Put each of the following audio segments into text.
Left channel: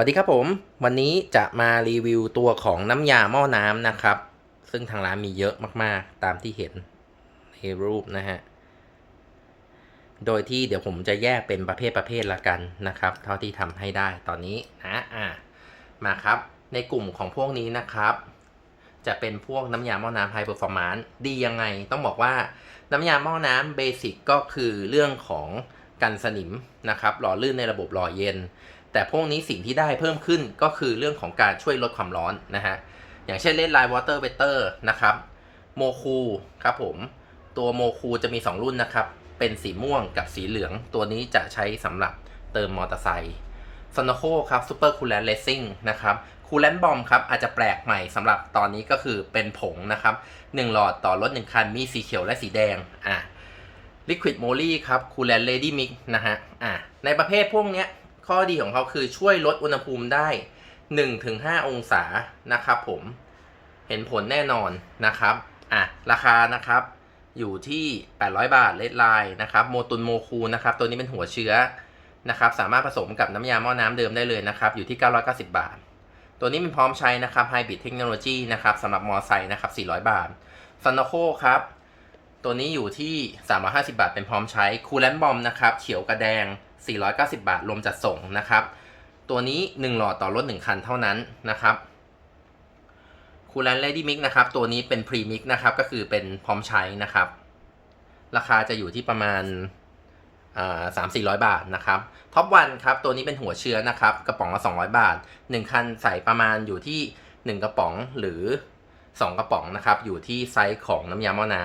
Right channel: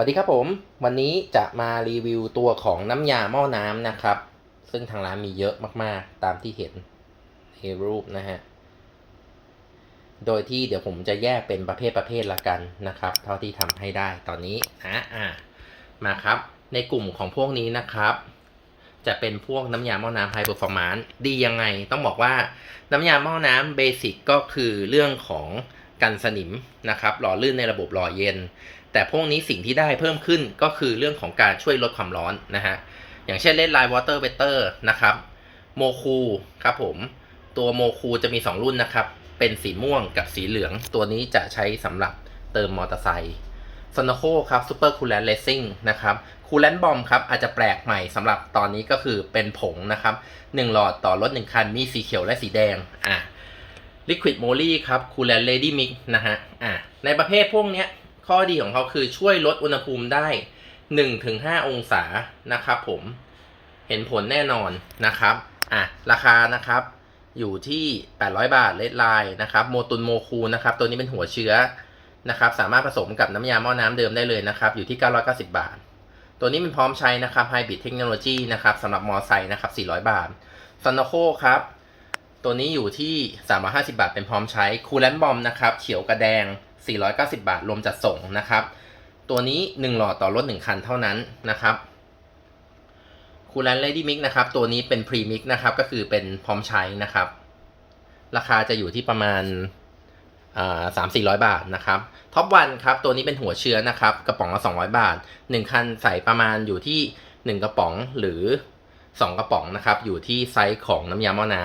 วัสดีครับผม วันนี้จะมารีวิวตัวของน้ำยาหม้อน้ำนะครับ ซึ่งทางร้านมีเยอะมากๆ ตามที่เห็นในรูปนะฮะ โดยที่เดี๋ยวผมจะแยกเป็นประเภทประเภทละกันนะครับ เท่าที่ทำให้ได้ตอนนี้นะอะมาครับ ในกลุ่มของพวกนี้นะครับ จะเป็นพวกน้ำยาหม้อน้ำไฮเปอร์ฟอร์มานดียังไง ต้องบอกว่าน้ำยาหม้อน้ำเบสิกก็คือเรื่องของกันสนิมนะครับ หล่อลื่นในระบบหล่อเย็น แต่พวกนี้สิ่งที่ได้เพิ่มขึ้นก็คือเรื่องของการช่วยลดความร้อนนะฮะ อย่างเช่นเล่นไลน์วอเตอร์เวเตอร์นะครับโมคูครับผม ตัวโมคูจะมี 2 รุ่นนะครับ เป็นสีม่วงกับสีเหลือง ตัวนี้จะใช้สำหรับเติมมอเตอร์ไซค์ซอนโคครับซูเปอร์คูลแลนเลสซิ่งนะครับคูลแลนบอมครับอาจจะแปลกใหม่สำหรับตอนนี้ก็คือเป็นผงนะครับ1หลอดต่อรถ 1 คัน มีสีเขียวและสีแดงอะ Liquid Moly ครับคูลแลนเลดี้มิกนะฮะอะในประเภทพวกเนี้ย ข้อดีของเขาคือช่วยลดอุณหภูมิได้ 1-5 องศานะครับผมเห็นผลแน่นอนนะครับอะราคานะครับอยู่ที่ 800 บาทเลดไลน์นะครับโมตุนโมคูนะครับตัวนี้เป็นหัวเชื้อนะครับสามารถผสมกับน้ำยาหม้อน้ำเดิมได้เลยนะครับอยู่ที่ 990 บาท ตัวนี้เป็นพร้อมใช้นะครับ Hybrid Technology นะครับสำหรับมอไซค์นะครับ 400 บาทซันโนโคครับตัวนี้อยู่ที่ 350 บาทเป็นพร้อมใช้คูลแลนบอมนะครับเขียวกระแดง 490 บาท รวมจัดส่งนะครับ ตัวนี้ 1 หลอดต่อรถ 1 คันเท่านั้นนะครับคูลแลนเลดี้มิกนะครับ ตัวนี้เป็นพรีมิกนะครับ ก็คือเป็นพร้อมใช้นะครับ ราคาจะอยู่ที่ประมาณสามสี่ร้อยบาทนะครับท็อปวันครับ ตัวนี้เป็นหัวเชื้อนะครับ กระป๋องละ200บาท1คันใส่ประมาณอยู่ที่1กระป๋องหรือ2กระป๋องนะครับ อยู่ที่ไซส์ของน้ำยาหม้อน้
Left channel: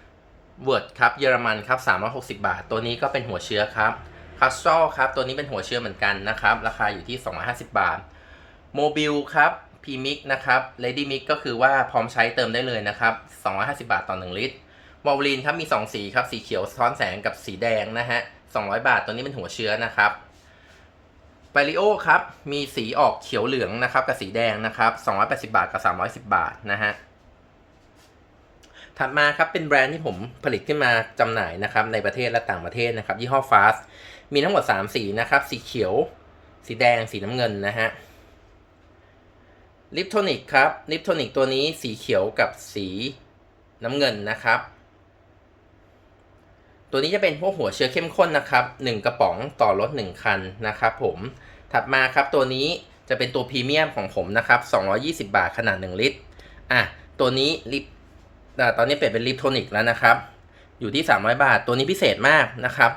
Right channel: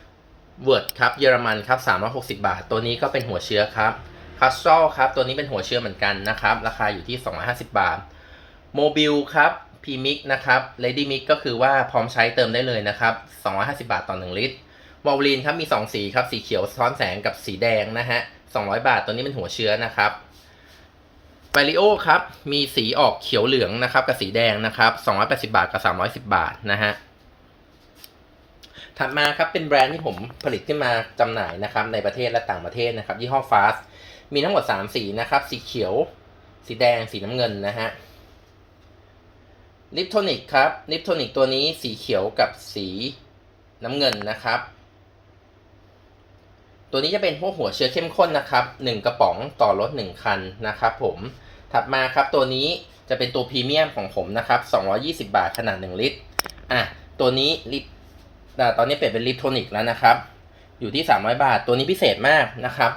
ำเวิร์ดครับเยอรมันครับ360บาท ตัวนี้ก็เป็นหัวเชื้อครับ คัสซอลครับ ตัวนี้เป็นหัวเชื้อเหมือนกันนะครับ ราคาอยู่ที่ 250 บาทโมบิลครับพีมิกนะครับเลดี้มิกก็คือว่าพร้อมใช้เติมได้เลยนะครับ 250 บาทต่อ 1 ลิตรวอลลีนครับมี 2 สีครับ สีเขียวสะท้อนแสงกับสีแดงนะฮะ 200 บาท ตัวนี้เป็นหัวเชื้อนะครับไบริโอครับ มีสีออกเขียวเหลืองนะครับกับสีแดงนะครับ 280 บาทกับ 310 บาทนะฮะ ถัดมาครับเป็นแบรนด์ที่ผมผลิตขึ้นมาจำหน่ายนะครับในประเทศและต่างประเทศนะครับยี่ห้อ Fast มีทั้งหมด 3 สีนะครับ สีเขียว สีแดง สีน้ำเงินนะฮะ ลิปโทนิกครับ ลิปโทนิกตัวนี้สีเขียวกับสีน้ำเงินนะครับ ตัวนี้จะเป็นพวกหัวเชื้อเข้มข้นนะครับ 1 กระป๋องต่อรถ 1 คันนะครับผม ถัดมาครับตัวนี้จะเป็นตัวพรีเมียมของผมนะครับ 220 บาทขนาด 1 ลิตร อะ ตัวนี้ลิปตอนนี้เปลี่ยนเป็นลิปโทนิกแล้วนะครับ อยู่ที่ 300 บาท ตัวนี้พิเศษมากนะครับ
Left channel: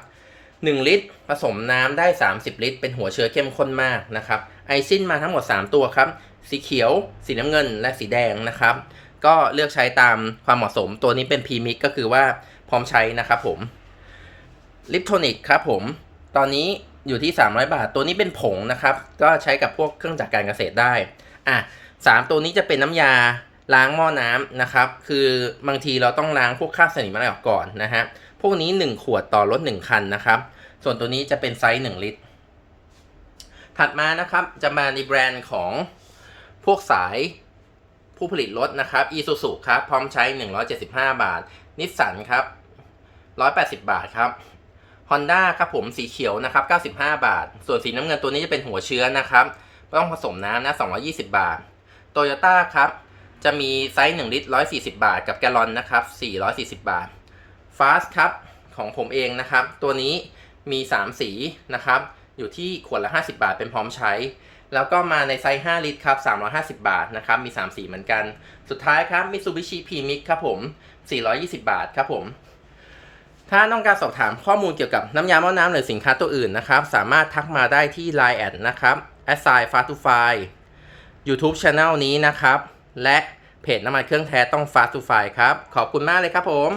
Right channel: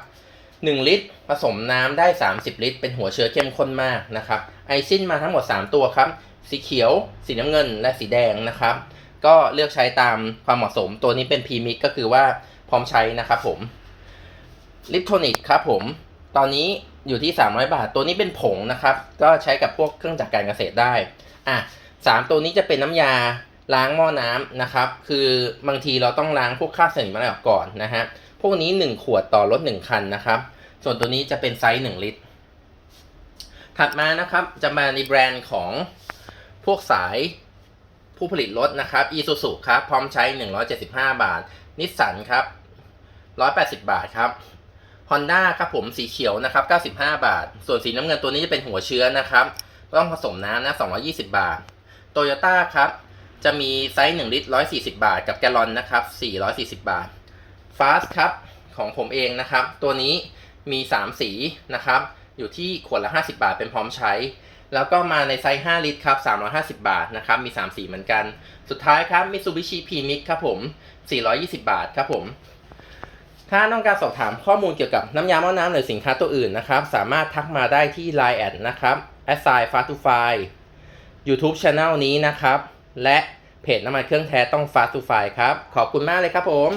1 ลิตร ผสมน้ำได้ 30 ลิตร เป็นหัวเชื้อเข้มข้นมากนะครับ ไอซินมาทั้งหมด 3 ตัวครับ สีเขียว สีน้ำเงิน และสีแดงนะครับ ก็เลือกใช้ตามความเหมาะสม ตัวนี้เป็นพรีมิกก็คือว่าพร้อมใช้นะครับผม ลิปโทนิกครับผม ตอนนี้อยู่ที่ 300 บาท ตัวนี้เป็นผงนะครับ ก็ใช้กับพวกเครื่องจักรการเกษตรได้ อะสามตัวนี้จะเป็นน้ำยาล้างหม้อน้ำนะครับ คือบางทีเราต้องล้างพวกคราบสนิมอะไรออกก่อนนะฮะ พวกนี้ 1 ขวดต่อรถ 1 คันนะครับ ส่วนตัวนี้จะเป็นไซส์ 1 ลิตร ถัดมานะครับจะมาในแบรนด์ของพวกสายผู้ผลิตรถนะครับ Isuzu ครับ พร้อมใช้ 175 บาท นิสสันครับ 180 บาทครับ Honda ครับผมสีเขียวนะครับ 95 บาท ส่วนสีน้ำเงินตัวนี้จะเป็นหัวเชื้อนะครับต้องผสมน้ำนะ 220 บาท Toyota ครับ จะมีไซส์ 1 ลิตร 140 บาท กับแกลลอนนะครับ 440 บาท Fast ครับของผมเองนะครับ ตัวนี้มี 3 สีนะครับ อยู่ที่ขวดละ 50 บาทเป็นพร้อมใช้ แล้วก็มาในไซส์ 5 ลิตรครับ 350 บาทนะครับ มี 3 สีเหมือนกัน สุดท้ายครับ Mitsubishi P-Mix ครับผม 420 บาทครับผม ถ้าต้องการสอบถามข้อมูลเกี่ยวกับน้ำยาหม้อน้ำหรือสินค้าตัวอื่นนะครับ สามารถทักมาได้ที่ Line แอดนะครับ a s s i f a s t to f i YouTube Channel นี้นะครับ และเพจน้ำมันเครื่องแท้ต้อง Fast to f i ครับ ขอบคุณมากเลยครับผม